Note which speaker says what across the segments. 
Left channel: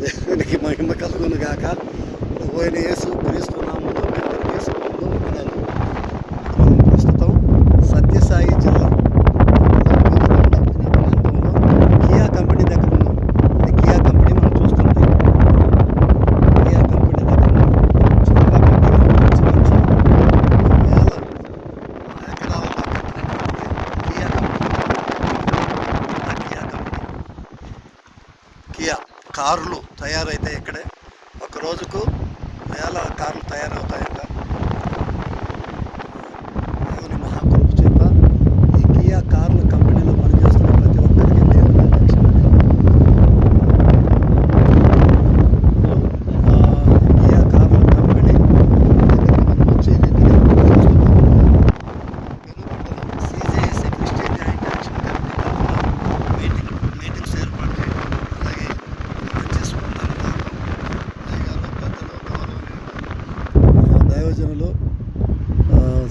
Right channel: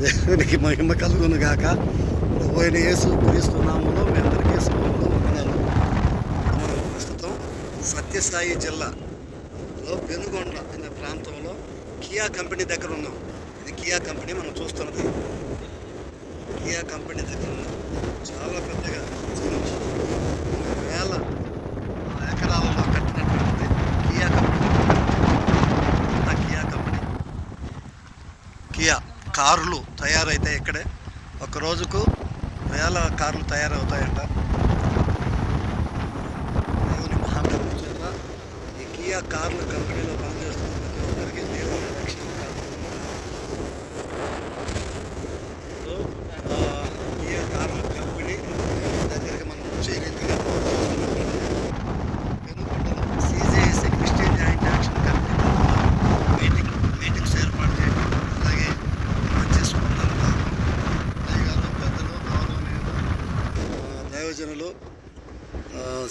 Speaker 1: దేవునికి మహిమ కలుగును గాక. పోయిన యేసు క్రీస్తునామలో మీ అందరికీ శుభములు ప్రస్తుతం సత్యసాయి జిల్లా వెలుగొండ అనే ప్రాంతంలో కియా కంపెనీ దగ్గర ఉన్నాం. ఇది కియా కంపెనీ మనం చూస్తుంది కియా కంపెనీ దగ్గర ఉన్నాం చాలా పెద్దగా వేల ఎకరాలలో కట్టినటువంటి Kia company Kia company. Kia. కార్లు తయారైతాయి ఇక్కడే. ఒక రోజుకు వేల కార్లు తయారవుతాయంట. దేవుని ఈ కియా గౌరవనీయులు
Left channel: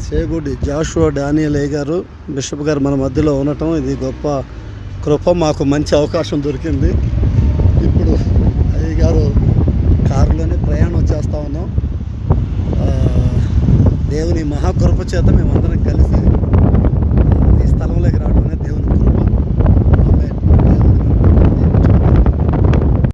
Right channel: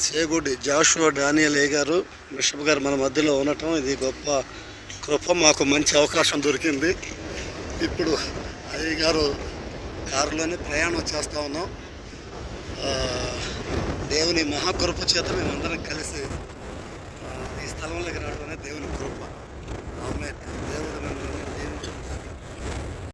Speaker 1: సేగుడి జాషువా డానియల్ ఏ గారు బిషప్ గారు మన మధ్యలో ఉండటం ఇది గొప్ప కృప మాకు మంచి అవకాశం దొరికింది. ఇప్పుడు అయ్య గారు కారులోనే ప్రయాణం చేస్తూ ఉన్నాం. దేవుని మహాకృప చేత మేమందరం కలిసి